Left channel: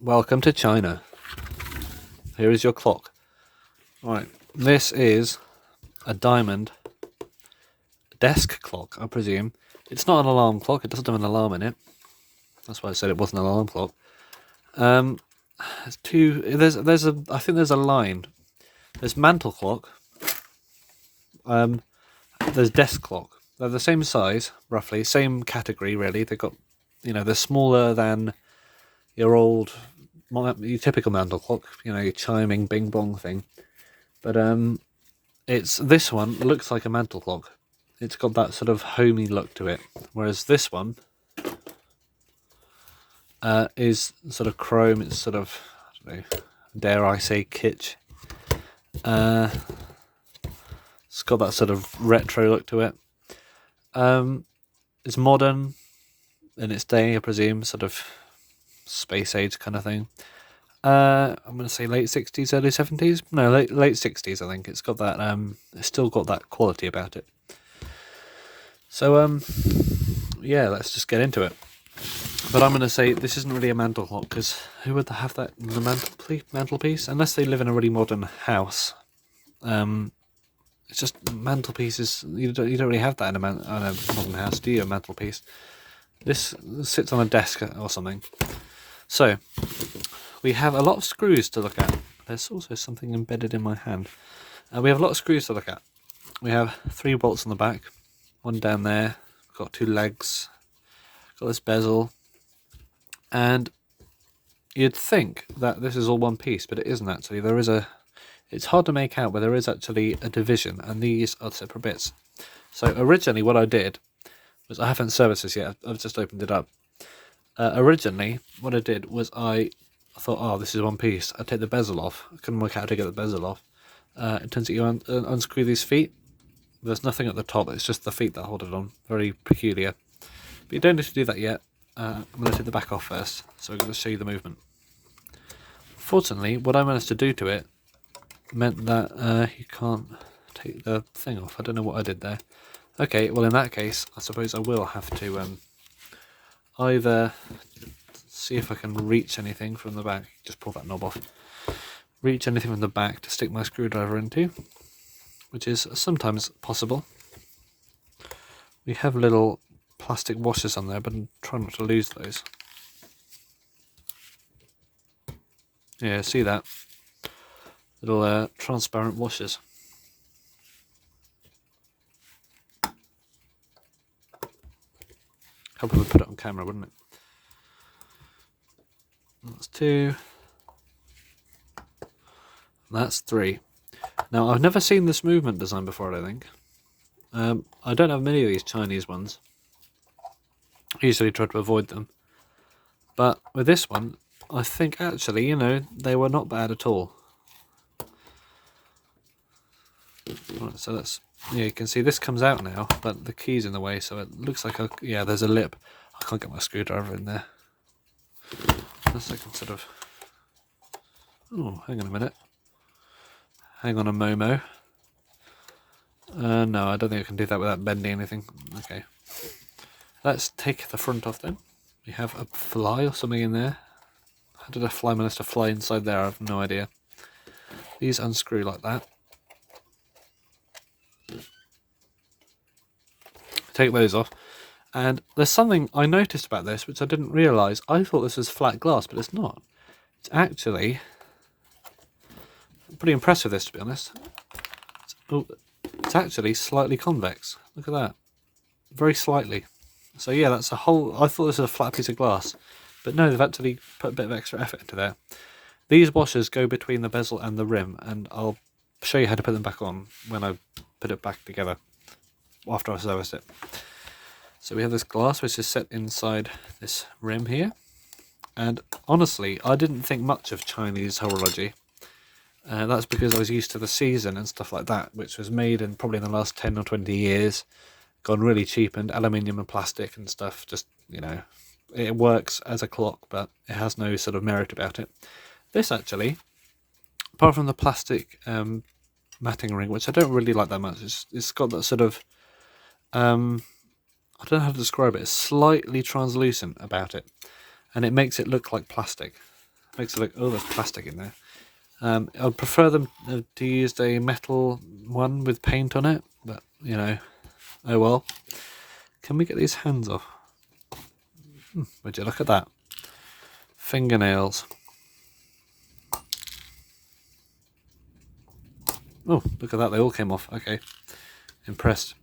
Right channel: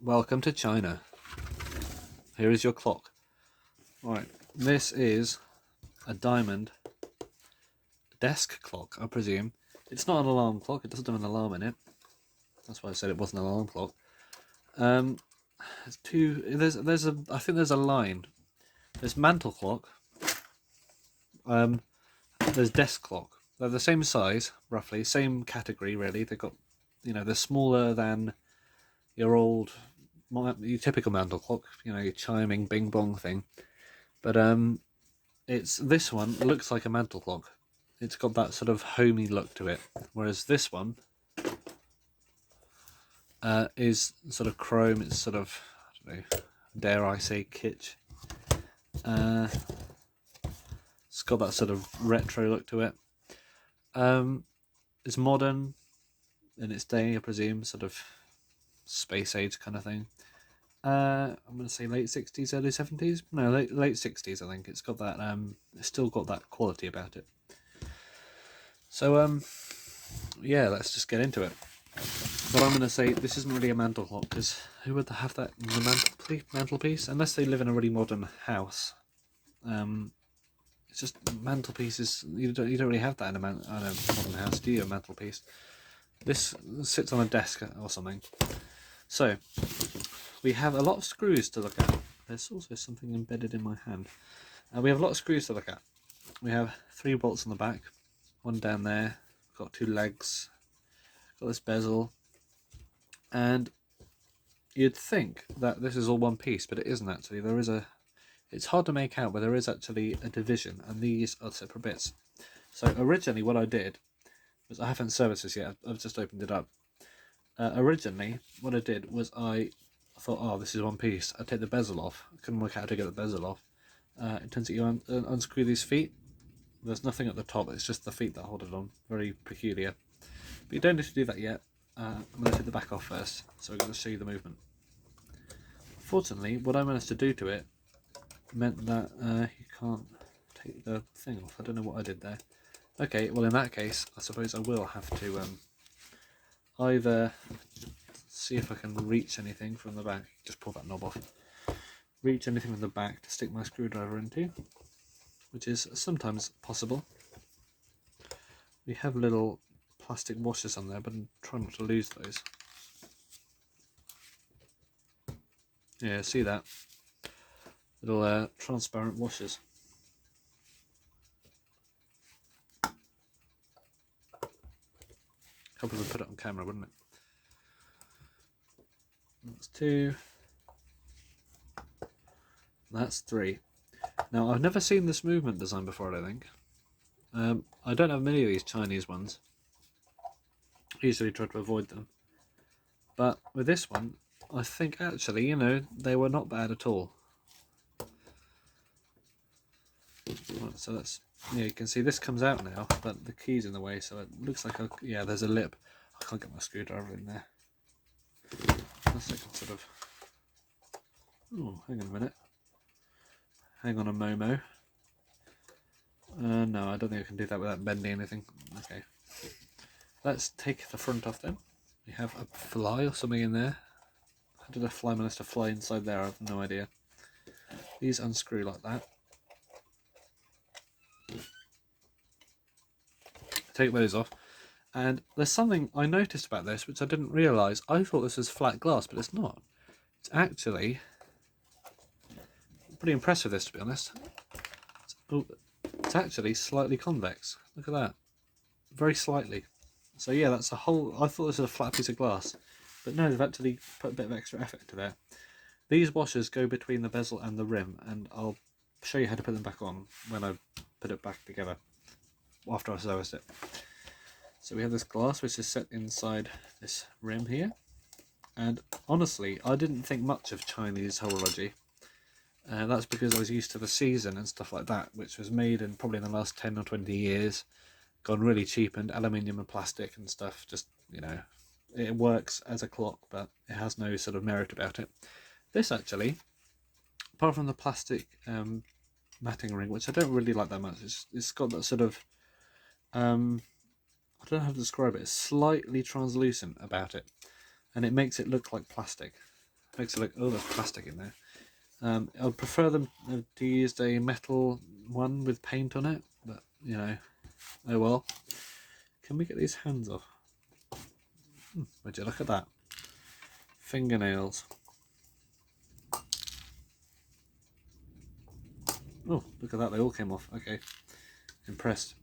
Welcome to China. Here is your clock. Right, this is a diamond desk clock, I presume. It's not an alarm clock, it doesn't have an alarm in it. That's why I said it wasn't an alarm clock. I think there's a line. There's mantle clock, there's desk clock. They're the same size, roughly, same category really. They've got, they're smaller than your typical mantle clock, your chiming bing bong thing. But this one looks like a mantle clock. It's got that sort of homey look to it, whereas this one is sort of chrome. It's sort of, I don't know, dare I say, kitsch. It's got that sort of retro look to it. It's modern in its day, I presume, sort of space age kind of thing. I'm going to say late 60s, early 70s. No, late 60s, I think. It's got that, it's still got that quality about it. So, yeah, let's just get into it. But I'm going to say this isn't really a mantle clock, because who would have that in the mantelpiece? Unless they live in a really modern house. It's just mantelpieces. You don't really have that in a modern house, do you? A mantelpiece. This sits on a desk or something. So we have a lot of screws to look at. There's also something embedded in my hand. We have a lot of screws to look at. We have 3 bolts on the back, one down there. Got 2 legs. Got this bezel, and you'd think that this is all one piece, but it isn't actually. It's hard to make out, but there is actually a division, and these are separate bits. So originally what I did was, I haven't serviced this yet, I've just opened it up. Originally what I did was I thought, oh, this is one piece. I'd take the bezel off. I couldn't work out how to get the bezel off. It turns out you unscrew these feet. There's nothing at the top, it's just the feet that hold it on. Very peculiar. But you don't need to do that yet. I'm going to take the back off first, so I'm going to show you the movement. Fortunately, what I managed to do to it meant that you can't take the thing off. I don't know what I did there. Okay, well in that case, I suppose I will have to either see if I can reach anything from the back. Just pull that knob off. Reach anything from the back to stick my screwdriver into, which is sometimes possible. We have little plastic washers on there, but try not to lose those. Yeah, see that? Little transparent washers. Hope I would put it on camera, wouldn't it? That's 2. That's 3. Now, I've never seen this movement design before, I don't think. I don't have many of these Chinese ones. I usually try to avoid them. But with this one, I think actually, they were not bad at all. Right, so you can see this comes out now, but the key's in the way, so it looks like there's a lip. I can't get my screwdriver in there. Unless I can sort of... Oh, hang on a minute. Hang on a Momo. No, I don't think I can do that without bending anything. Okay. Let's take the front off then. We have a fly or something in there. How did a fly manage to fly inside there? I have no idea. These unscrew like that. Take those off. And there's something I noticed about this which I didn't realise. I thought this was flat glass, but it's not. It's actually... I'm pretty impressed with this, to be honest. It's actually slightly convex. Look at that. Very slightly. So yeah, that's a whole... I thought this was a flat piece of glass. But no, they've actually put a bit of extra effort into there. These washers go between the bezel and the rim, and I'll show you how to put them back on when I put it back together, after I service it. So we have this glass which is set inside this rim here. And honestly, I didn't think much of Chinese horology. That's because I was used to the season and stuff like that, which was made in probably in the last 10 or 20 years. Gone really cheapened, aluminium and plastic and stuff. Just, it works as a clock, but it has no sort of merit about it. This actually, apart from the plastic matting ring, which I don't really like that much, it's got that sort of, I don't know how to describe it, it's slightly translucent about it, and it makes it look like plastic. makes it look, oh, there's plastic in there. I'd prefer them to use a metal one with paint on it, but you know, oh well. Can we get these hands off? Would you look at that? Fingernails. Oh, look at that, they all came off. Okay, impressed.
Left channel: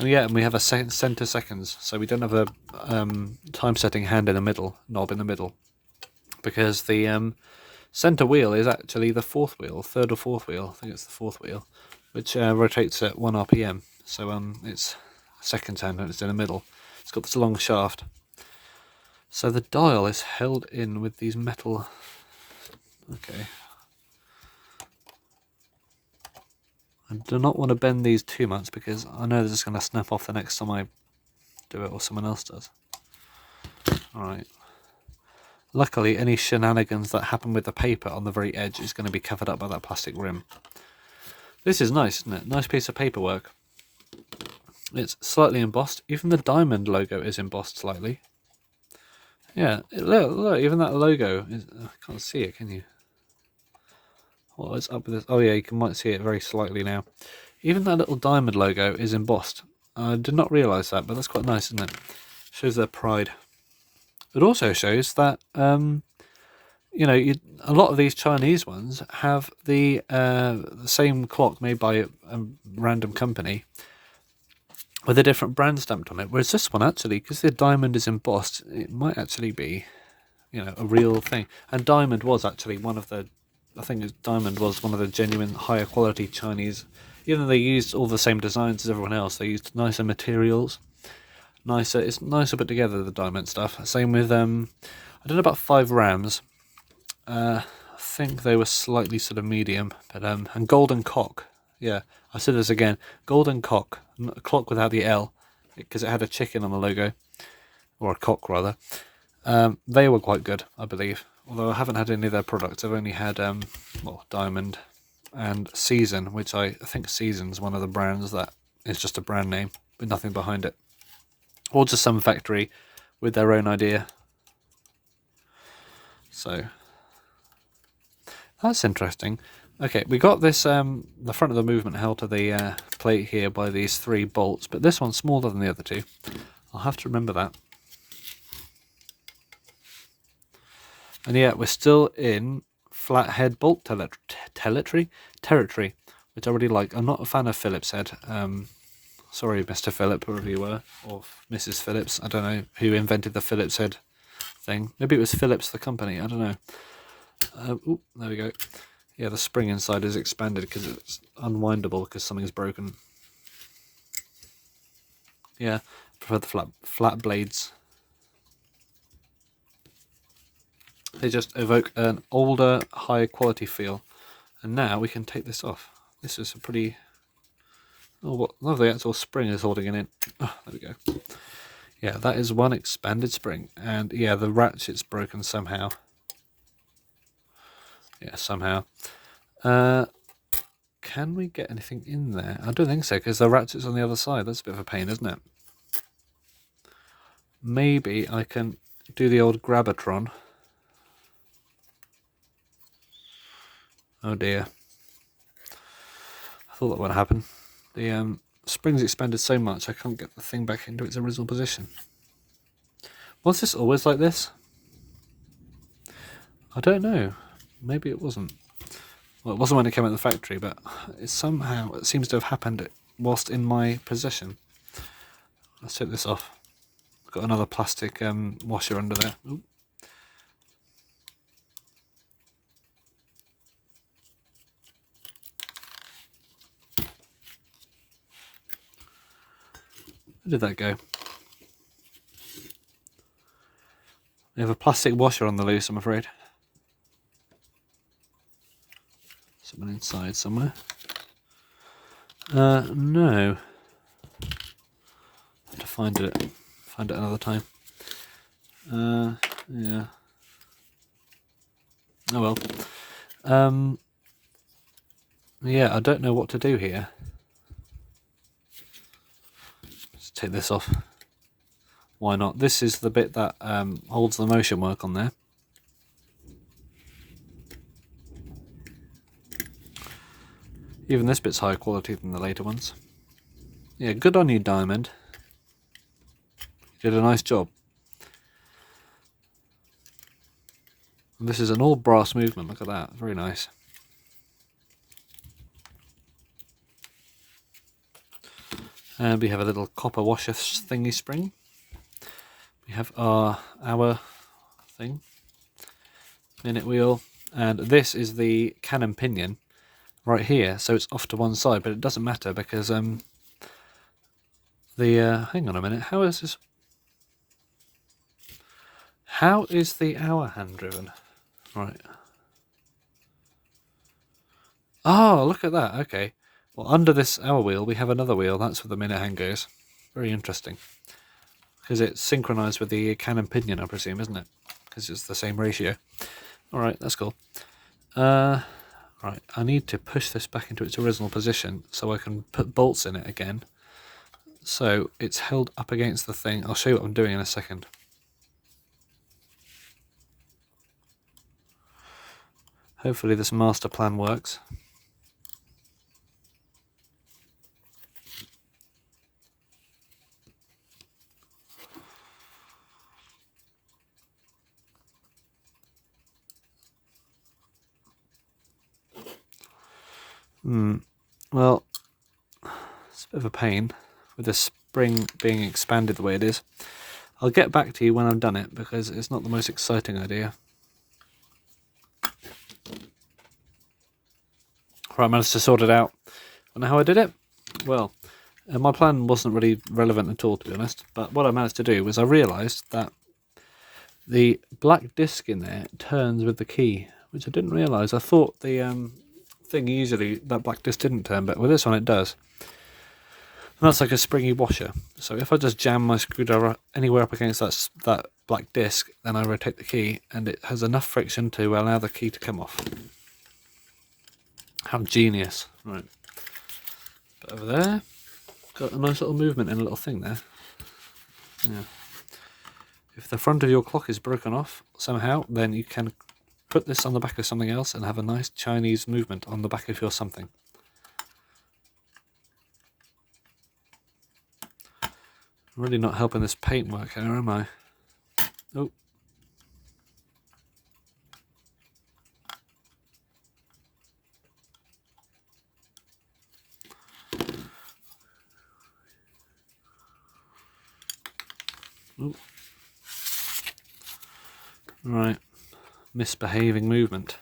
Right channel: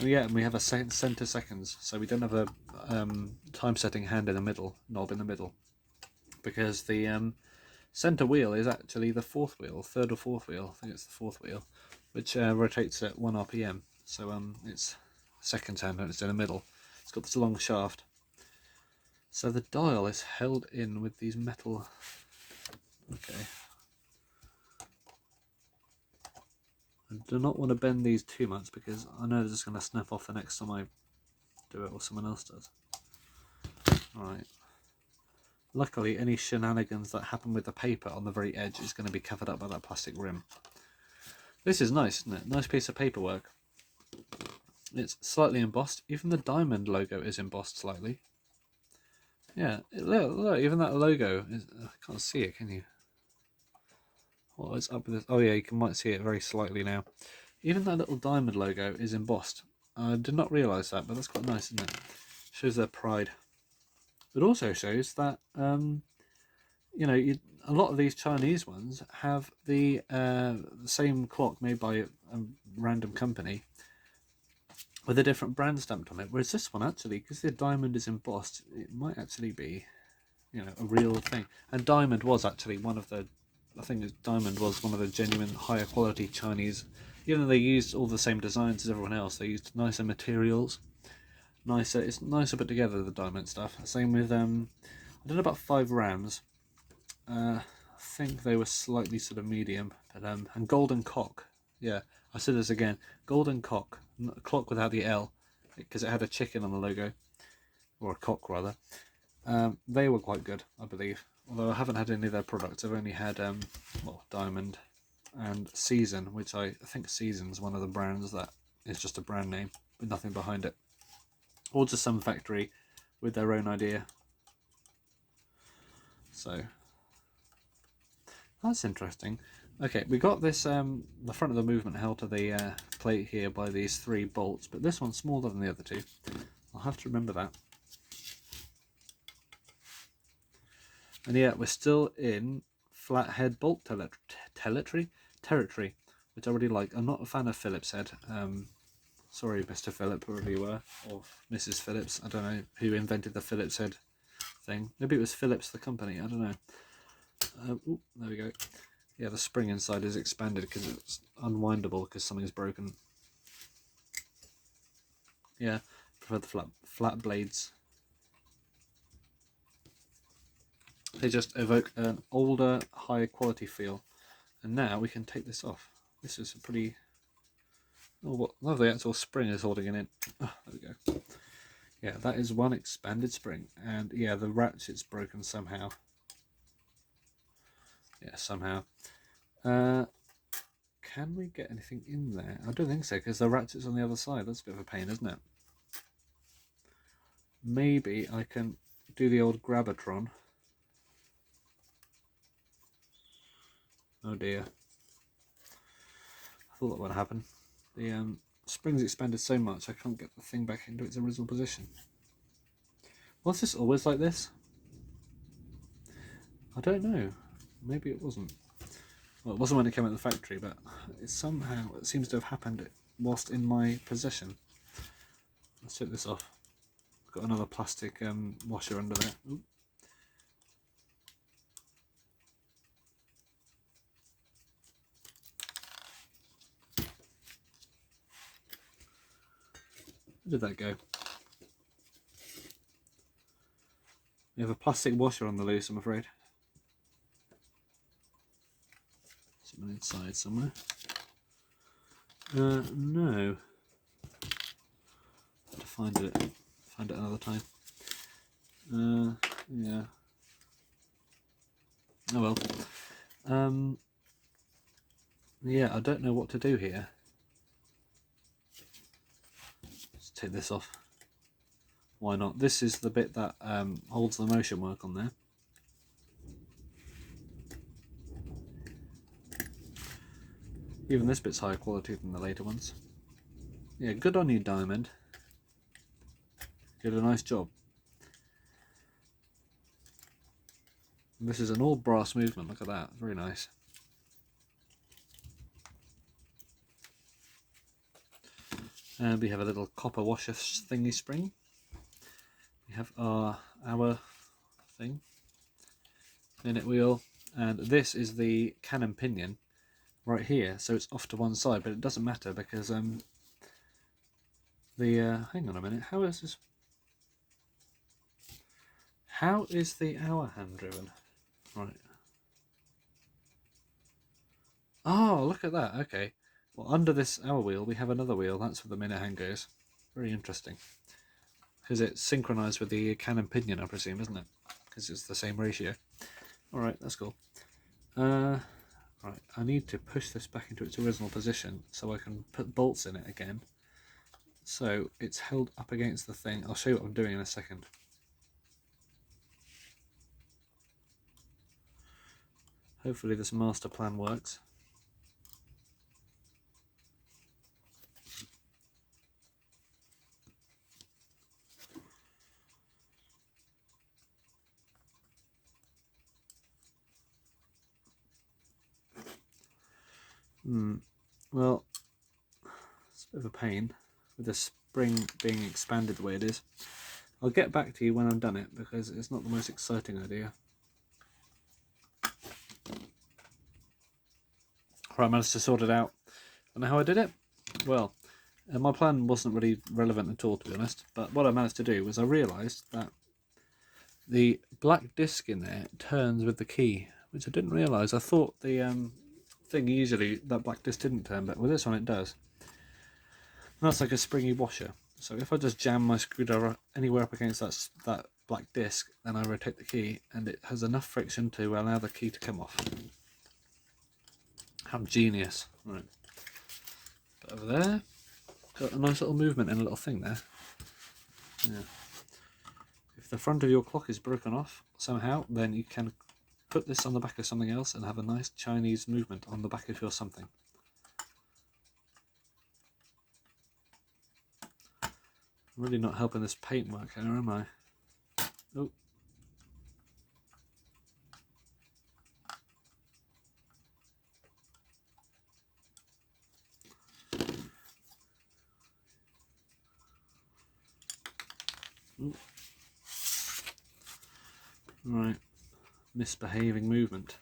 Oh yeah, and we have a center seconds, so we don't have a time setting hand in the middle, knob in the middle, because the center wheel is actually the fourth wheel, third or fourth wheel. I think it's the fourth wheel, which rotates at 1 RPM. So it's seconds hand and it's in the middle. It's got this long shaft. So the dial is held in with these metal. Okay. I do not want to bend these too much because I know this is going to snap off the next time I do it or someone else does. Alright. Luckily, any shenanigans that happen with the paper on the very edge is going to be covered up by that plastic rim. This is nice, isn't it? Nice piece of paperwork. It's slightly embossed. Even the diamond logo is embossed slightly. Yeah, look, even that logo is... I can't see it, can you? What is up with this? Oh yeah, you might see it very slightly now. Even that little diamond logo is embossed. I did not realise that, but that's quite nice, isn't it? Shows their pride. It also shows that, you know, a lot of these Chinese ones have the same clock made by a random company with a different brand stamped on it. Whereas this one, actually, because the diamond is embossed, it might actually be, you know, a real thing. And diamond was actually one of the, I think diamond was one of the genuine higher quality Chinese. Even though they used all the same designs as everyone else, they used nicer materials. It's nicer put together, the diamond stuff. Same with I don't know about 5 rams. I think they were slightly sort of medium, but and golden cock. Yeah, I said this again. Golden cock, a clock without the L, because it had a chicken on the logo, or a cock rather. They were quite good, I believe. Although I haven't had any of their products. I've only had well, Diamond and Season, which I think Season's one of the brands that is just a brand name with nothing behind it. Or just some factory with their own idea. So that's interesting. Okay, we got this the front of the movement held to the plate here by these 3 bolts, but this one's smaller than the other 2. I'll have to remember that. And yeah, we're still in flathead bolt territory, which I really like. I'm not a fan of Phillips head. Sorry, Mr. Phillip, whoever you were, or Mrs. Phillips. I don't know who invented the Phillips head thing. Maybe it was Phillips, the company. I don't know. Oop, there we go. Yeah, the spring inside is expanded because it's unwindable because something's broken. Yeah, prefer the flat blades. They just evoke an older, higher quality feel. And now we can take this off. This is a pretty... Oh, what? Oh, the actual spring is holding it in. Oh, there we go. Yeah, that is one expanded spring. And yeah, the ratchet's broken somehow. Yeah, somehow. Can we get anything in there? I don't think so, because the ratchet's on the other side. That's a bit of a pain, isn't it? Maybe I can do the old Grabatron. Oh dear. I thought that would happen. The spring's expanded so much I can't get the thing back into its original position. Was this always like this? I don't know. Maybe it wasn't. Well, it wasn't when it came out of the factory, but it seems to have happened whilst in my possession. Let's take this off. I've got another plastic washer under there. Ooh. Where did that go? We have a plastic washer on the loose, I'm afraid. Something inside somewhere. No. Have to find it another time. Yeah. Oh well. Yeah, I don't know what to do here. Let's take this off. Why not? This is the bit that holds the motion work on there. Even this bit's higher quality than the later ones. Yeah, good on you, Diamond. You did a nice job. And this is an all brass movement, look at that, very nice. And we have a little copper washer thingy spring. We have our thing, minute wheel, and this is the cannon pinion right here, so it's off to one side, but it doesn't matter because hang on a minute, how is the hour hand driven? Right. Oh, look at that, okay. Well, under this hour wheel we have another wheel, that's where the minute hand goes. Very interesting. Because it's synchronized with the cannon pinion, I presume, isn't it? Because it's the same ratio. Alright, that's cool. Right, I need to push this back into its original position so I can put bolts in it again. So it's held up against the thing. I'll show you what I'm doing in a second. Hopefully this master plan works. Well, it's a bit of a pain with the spring being expanded the way it is. I'll get back to you when I've done it because it's not the most exciting idea. Right, I managed to sort it out. And how I did it? Well, my plan wasn't really relevant at all, to be honest, but what I managed to do was I realised that the black disc in there turns with the key, which I didn't realise. I thought the thing usually, that black disc didn't turn, but with this one it does. And that's like a springy washer. So if I just jam my screwdriver anywhere up against that black disc, then I rotate the key, and it has enough friction to allow the key to come off. How genius. Right. But over there, got a nice little movement in a little thing there. Yeah. If the front of your clock is broken off somehow, then you can put this on the back of something else and have a nice Chinese movement on the back of your something. I'm really not helping this paint work here, am I? Oh. Ooh. Right, misbehaving movement.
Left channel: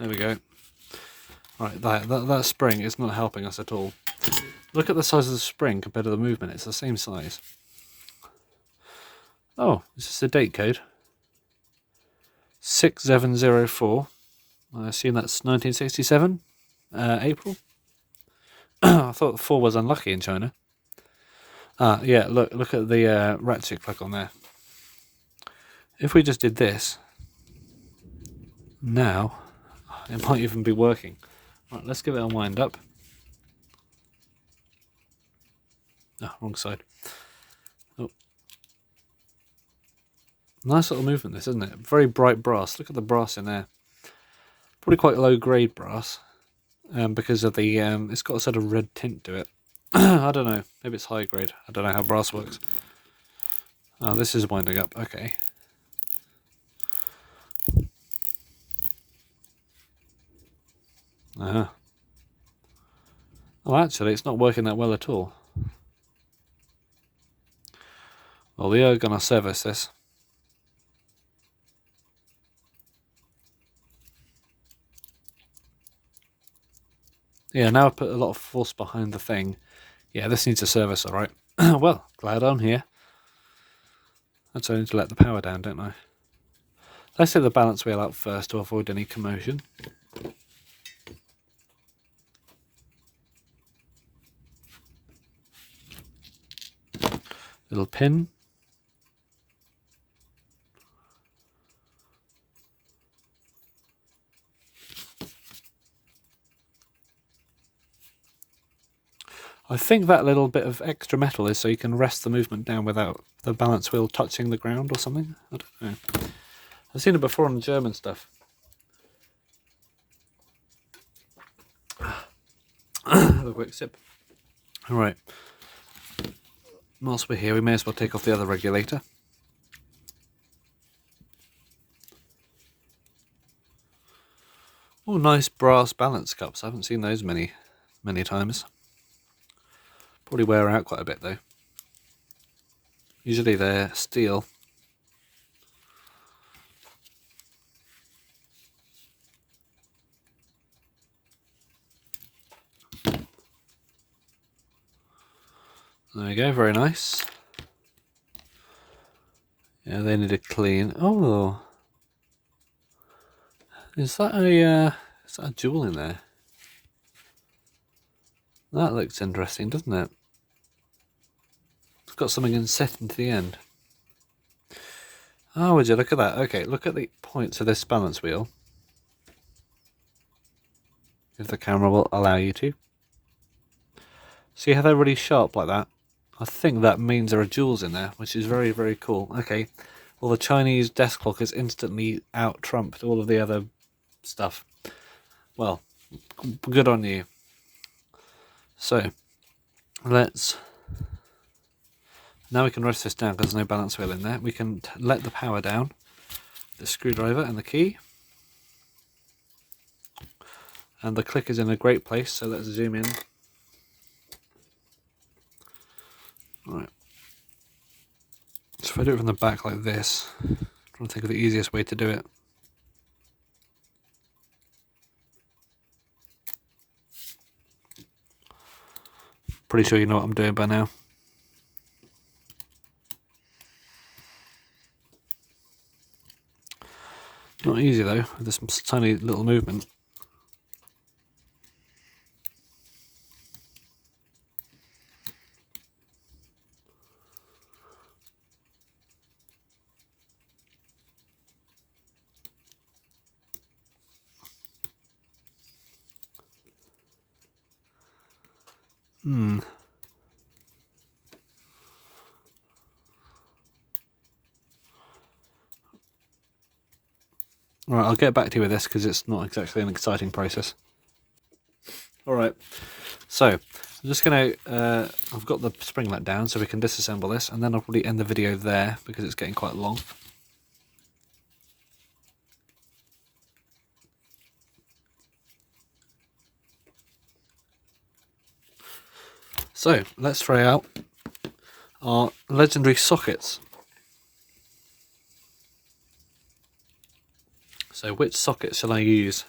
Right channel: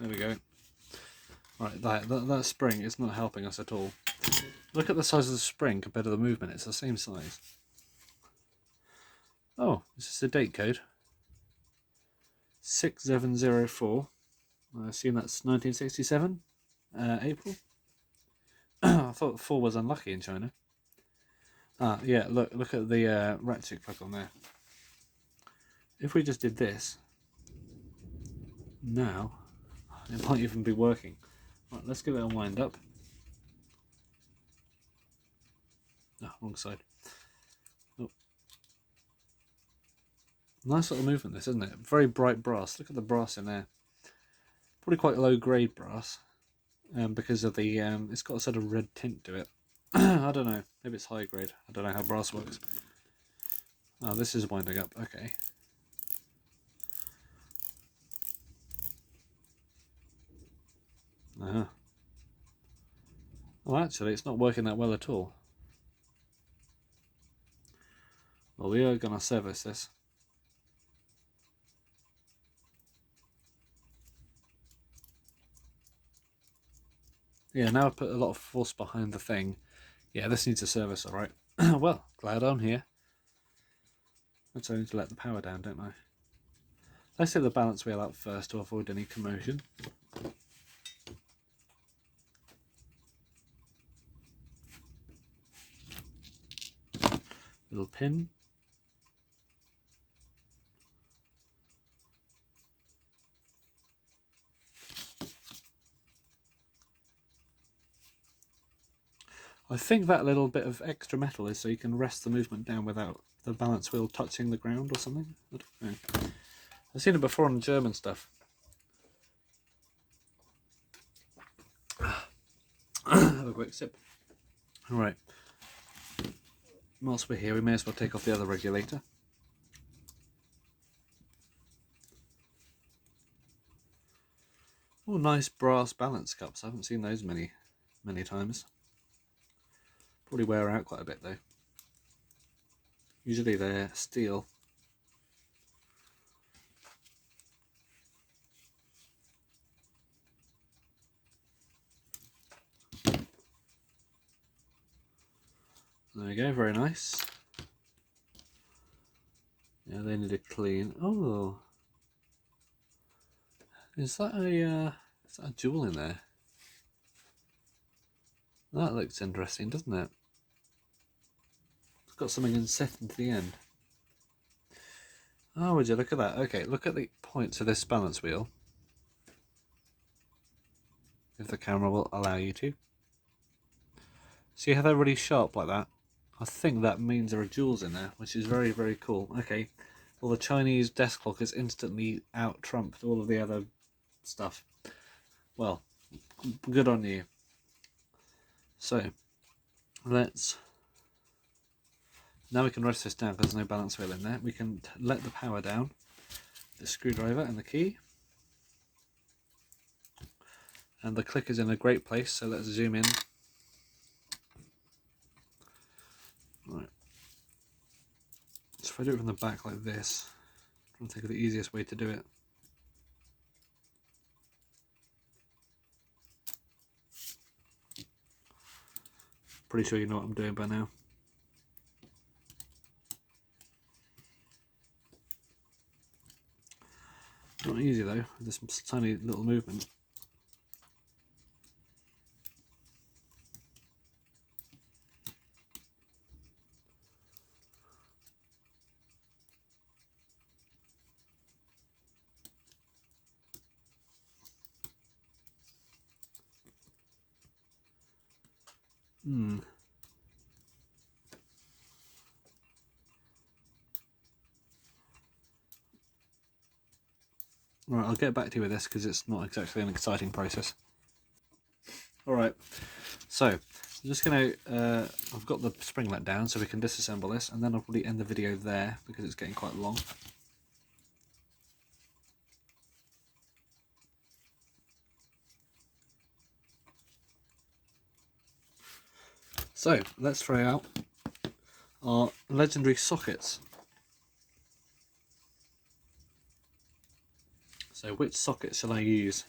There we go. Right, that spring is not helping us at all. Look at the size of the spring compared to the movement, it's the same size. Oh, this is the date code. 6704. I assume that's 1967, April. I thought 4 was unlucky in China. Ah, yeah, look at the ratchet plug on there. If we just did this, now, it might even be working. Right, let's give it a wind up. Oh, wrong side. Oh. Nice little movement this, isn't it? Very bright brass. Look at the brass in there. Probably quite low grade brass. Because of the it's got a sort of red tint to it. I don't know, maybe it's high grade. I don't know how brass works. Oh, this is winding up. Okay. Oh, actually, it's not working that well at all. Well, we are gonna service this. Yeah, now I've put a lot of force behind the thing. Yeah, this needs a service, alright. Well, glad I'm here. That's only to let the power down, don't I? Let's take the balance wheel out first to avoid any commotion. Little pin. I think that little bit of extra metal is so you can rest the movement down without the balance wheel touching the ground or something. I don't know. I've seen it before on German stuff. Have a quick sip. Alright. Whilst we're here, we may as well take off the other regulator. Oh, nice brass balance cups. I haven't seen those many times. Probably wear out quite a bit though. Usually they're steel. There we go, very nice. Yeah, they need a clean. Oh, is that a jewel in there? That looks interesting, doesn't it? It's got something set into the end. Oh, would you look at that? Okay, look at the points of this balance wheel. If the camera will allow you to. See how they're really sharp like that? I think that means there are jewels in there, which is very, very cool. Okay, well, the Chinese desk clock has instantly out-trumped all of the other stuff. Well, good on you. So, let's... Now we can rest this down because there's no balance wheel in there. We can let the power down, the screwdriver and the key. And the click is in a great place, so let's zoom in. Right. So if I do it from the back like this, I'm trying to think of the easiest way to do it. Pretty sure you know what I'm doing by now. Not easy though, with this tiny little movement. Alright, I'll get back to you with this because it's not exactly an exciting process. Alright, so I'm just going to, I've got the spring let down so we can disassemble this, and then I'll probably end the video there because it's getting quite long. So let's try out our legendary sockets. So which socket shall I use?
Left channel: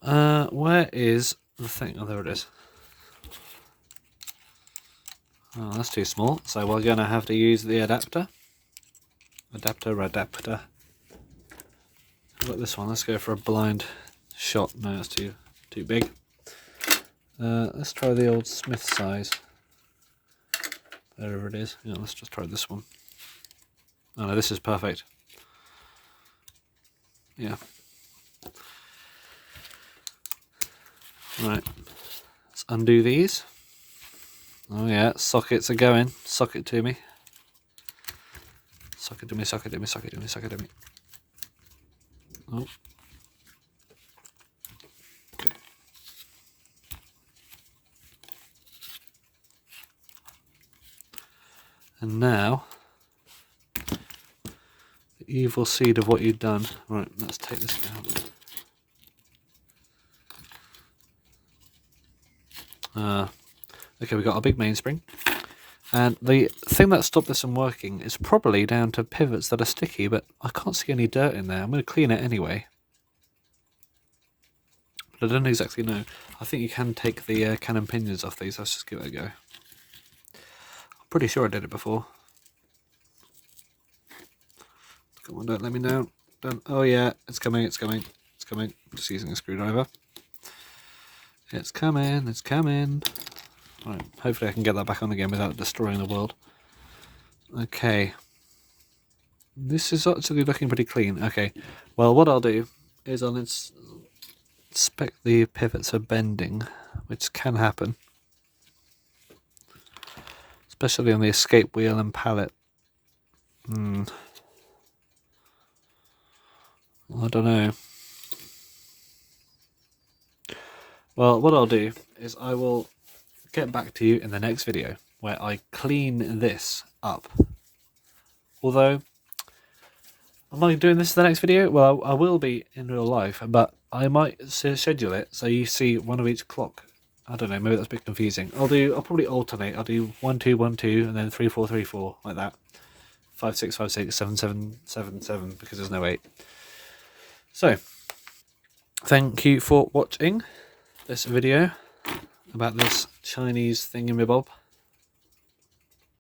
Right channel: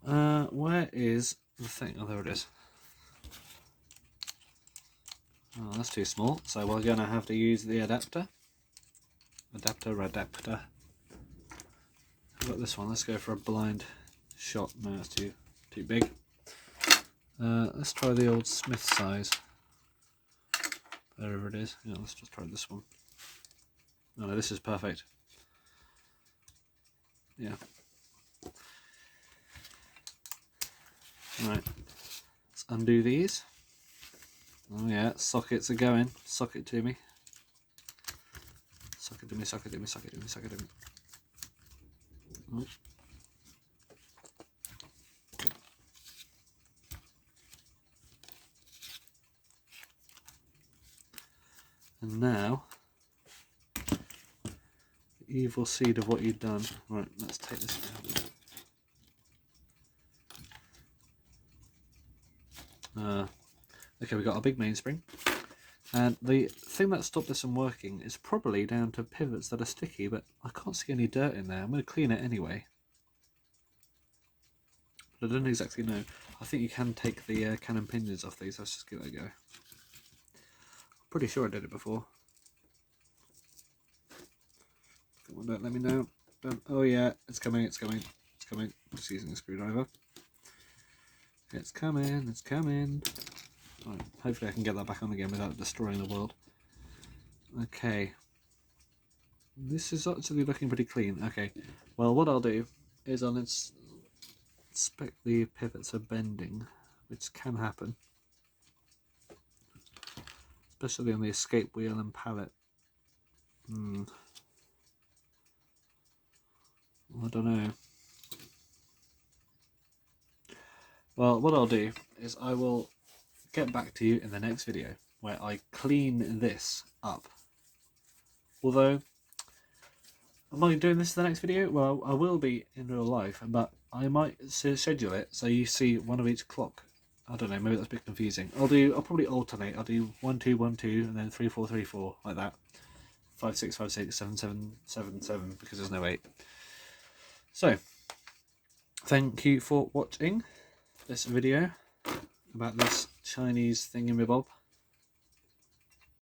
Where is the thing? Oh, there it is. Oh, that's too small. So we're going to have to use the adapter. Adapter. How about this one? Let's go for a blind shot. No, that's too big. Let's try the old Smith size. Whatever it is. Yeah, let's just try this one. Oh no, this is perfect. Yeah. Right. Let's undo these. Oh yeah, sockets are going. Socket to me. Socket to me, socket to me, socket to me, socket to me. Oh. And now, the evil seed of what you've done. Right, let's take this out. Okay, we've got our big mainspring. And the thing that stopped this from working is probably down to pivots that are sticky, but I can't see any dirt in there. I'm going to clean it anyway. But I don't exactly know. I think you can take the cannon pinions off these. Let's just give it a go. Pretty sure I did it before. Come on, don't let me know. Don't. Oh yeah, it's coming, it's coming, it's coming. Just using a screwdriver. It's coming, it's coming. Right, hopefully I can get that back on again without destroying the world. Okay. This is actually looking pretty clean. Okay, well what I'll do is I'll inspect the pivots are bending, which can happen. especially on the escape wheel and pallet. I don't know. Well, what I'll do is I will get back to you in the next video where I clean this up. Although, am I doing this in the next video? Well, I will be in real life, but I might schedule it so you see one of each clock. I don't know, maybe that's a bit confusing. I'll probably alternate. I'll do 1 2 1 2 and then 3 4 3 4 like that. 5 6 5 6 7 7 7 7 because there's no 8. So, thank you for watching this video about this Chinese thingamabob.